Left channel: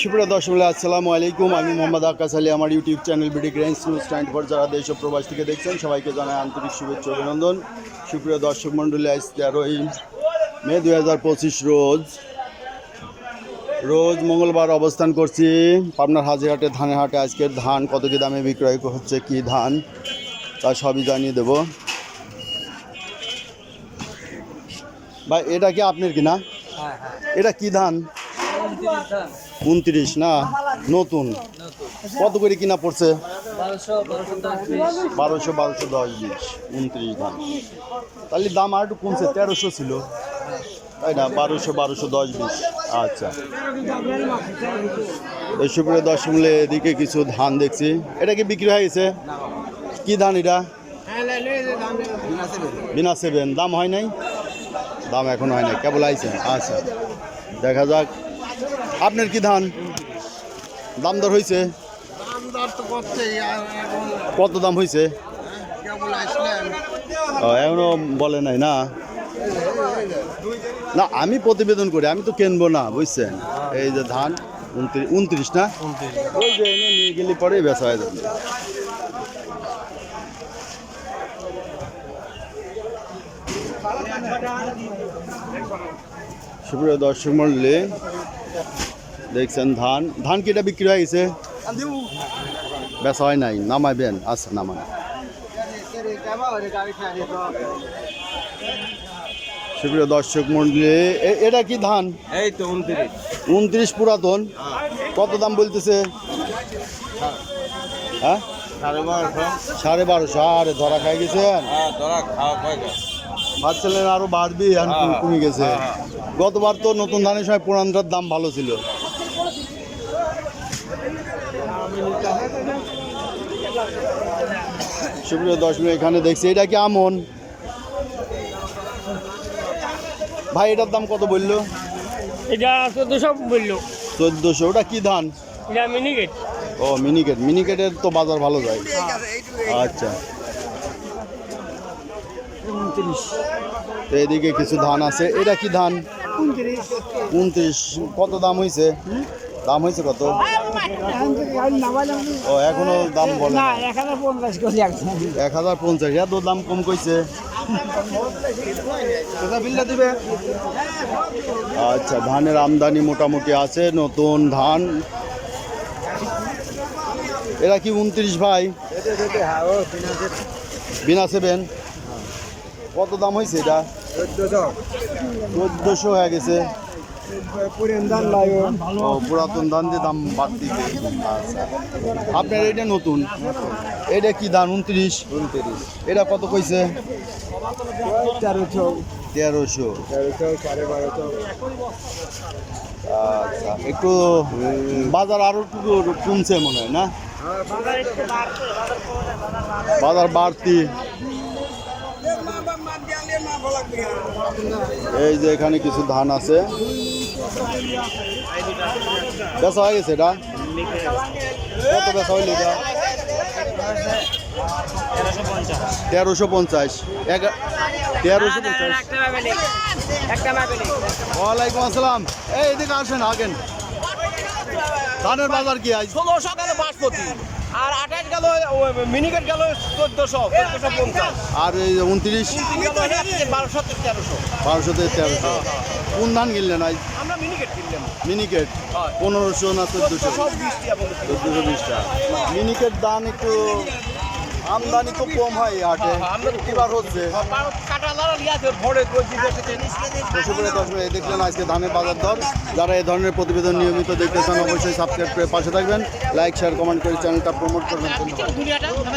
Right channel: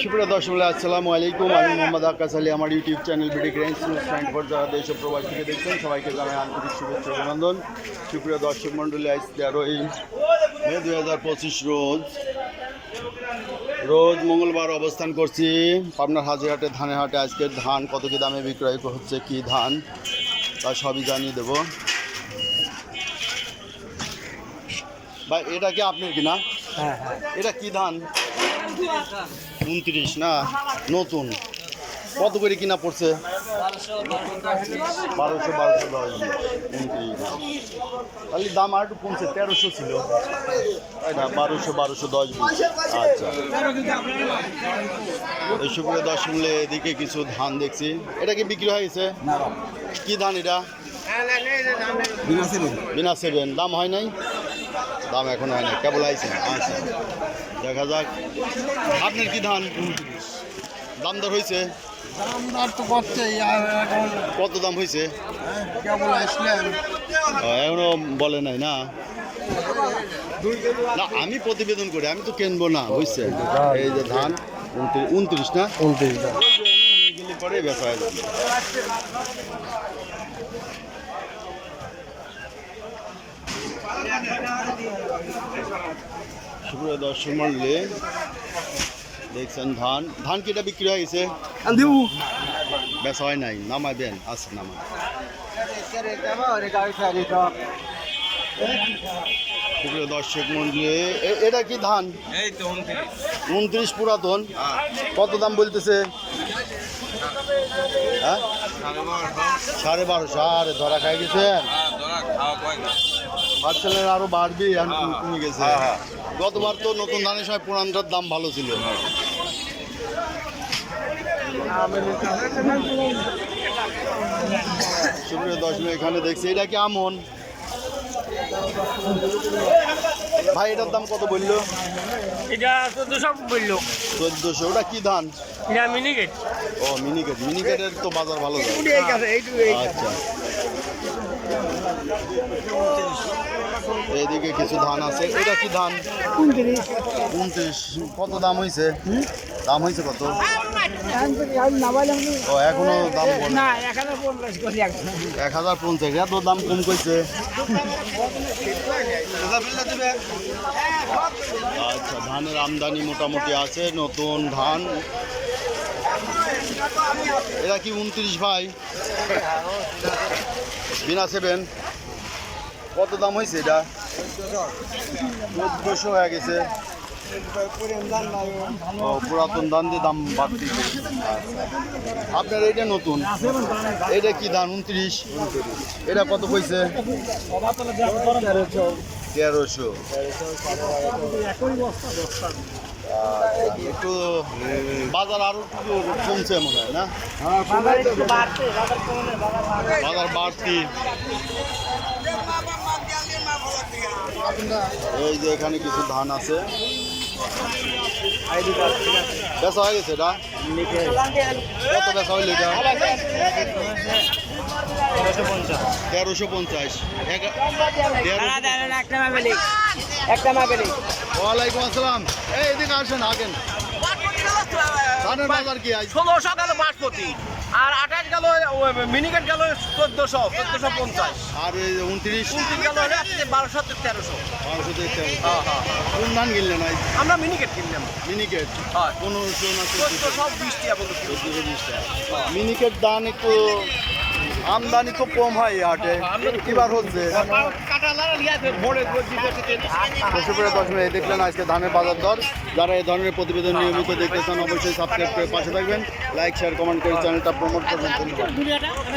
সুপ্রিয় দর্শক, আসসালামু আলাইকুম। আমি মোহাম্মদ আকাশ আলী। আমার ইউটিউব চ্যানেল বিডি গ্রেন্স নিউজ 94 যারা দেশ ও প্রবাস থেকে দেখছেন সবাইকে জানাই আন্তরিক শুভেচ্ছা অভিনন্দন। সুপ্রিয় দর্শক মণ্ডলী, আজ 13ই মে 2025 রোজ মঙ্গলবার অবস্থান করছি পাবনার হাজিরহাটে ধানের হাটে। আজকের ধান কত কী দামে বিক্রয় হচ্ছে, কী ধান তা সবই জানিয়ে দেব। ভাই, এটা কি আপনার কিনা? এটা কি ধান? 29 না, নতুন। কত করে কিনা পড়ছে? 1200, 1210, 29 ধান। তাহলে দাম আর একটু কমছে, 1300 ছিল তাই না? 1200, 1210, 20। আচ্ছা, এই সুপ্রিয় দর্শক মূল্যে এদিকে কিছু ধান দেখছি। এটা কি বিক্রি হয়ে গেছে? কি ধান এটা? বিনা 7। দাম হয় নাই? দাম এখন হয় নাই, কেবল আইছে। আচ্ছা, দেখা যাক। আপনার কি ধান? দাম দর হয়েছে? কত দাম হয়েছে? এখনো বলে নাই না? না, আমি প্রতিবেদন করি, আমি তো কিনবো না, বুঝছেন? এই যে ধান 29 না, 29 নিয়ে গেলে পরে বেচা হয়ে যাবে। সুপ্রিয় দর্শক মণ্ডলী, দেখছেন ধান। ধান কি এটা বিক্রি হয়ে গেছে? বেচা হয় নাই? নামাইবেন? আচ্ছা, নামান। সুপ্রিয় দর্শক মণ্ডলী, এটা কি ধান? এই তো 29 পুরাতন। কত দাম বলতেছে? হ্যাঁ, 1250। আরে ধরা খাই গেছেন? ভাবছিলেন আরো বাড়বি, কমে গেছে। গতবার তো নতুন ধানের সময় পুরানটার দাম ভালো ছিল। সুপ্রিয় দর্শক, এখানে দেখছি এটা কি আমন? ভাই, এটার দাম কত বললো? এটা 1400 বললো। 1400। ওটা কি ধান? এটা মিনিকেট। ও, মিনিকেট। মিনিকেটের তো বাজার ভালো যায়। আচ্ছা, এইদিকে কিছু ধান আছে। এটা কি ধান? 29। কত দাম হয়েছে? দাম হয়েছে কত? ও, এখনো দাম বলে না? 1050। এত দাম কম কইছে। আচ্ছা, ধানের আমদানি মোটামুটি আছে, নতুন ধান। এরা কি 29 ভাই? বিনা 7। কত দাম হয়েছে এটা? 1400 হয়ে গেছে। ও, পুরাতন ধান দিয়ে দাম বাড়তি। আচ্ছা, আপনার এটা নতুন। এটা কি ধান? 29। এটা কত কইছে? 1300। আচ্ছা, একটু বাজার আরো একটু কমছে মনে হয় না? বাজার বাড়তি। এই যে এখানে কিছু ধান আছে। বেচা হয়ে গেছে এটা? কত বেচা হইল এটা? 1350। 1350। ওয়ালাইকুম আসসালাম। এই এদিকে আসেন, আগেন। ধানের বাজার কি আজ? 1600 গেল বাসপতি, আর 28 গেল মিনিকেট গেল 1450। আর এই 29 গেল 1200 1300। 1200 থেকে 1300। কোন ধান কিনলেন আজ? আমরা মিনিকেট কিনলাম। মিনিকেট হ্যাঁ। 1500 না 1400? 1420 টাকা বলতো। 1420 টাকা। মিনিকেট ধান একটু আমদানি তো কম হয় এই হাটে, কিবার হচ্ছে। সুপ্রিয় দর্শক, এই দেখলেন আজকে ধানের বাজার দর। যারা এই ধরনের প্রতিবেদন নিয়মিত দেখতে চান অবশ্যই সাবস্ক্রাইব করে পাশে থাকবেন, লাইক শেয়ার কমেন্ট করে চ্যানেলটা প্রমোট করবেন। ধন্যবাদ।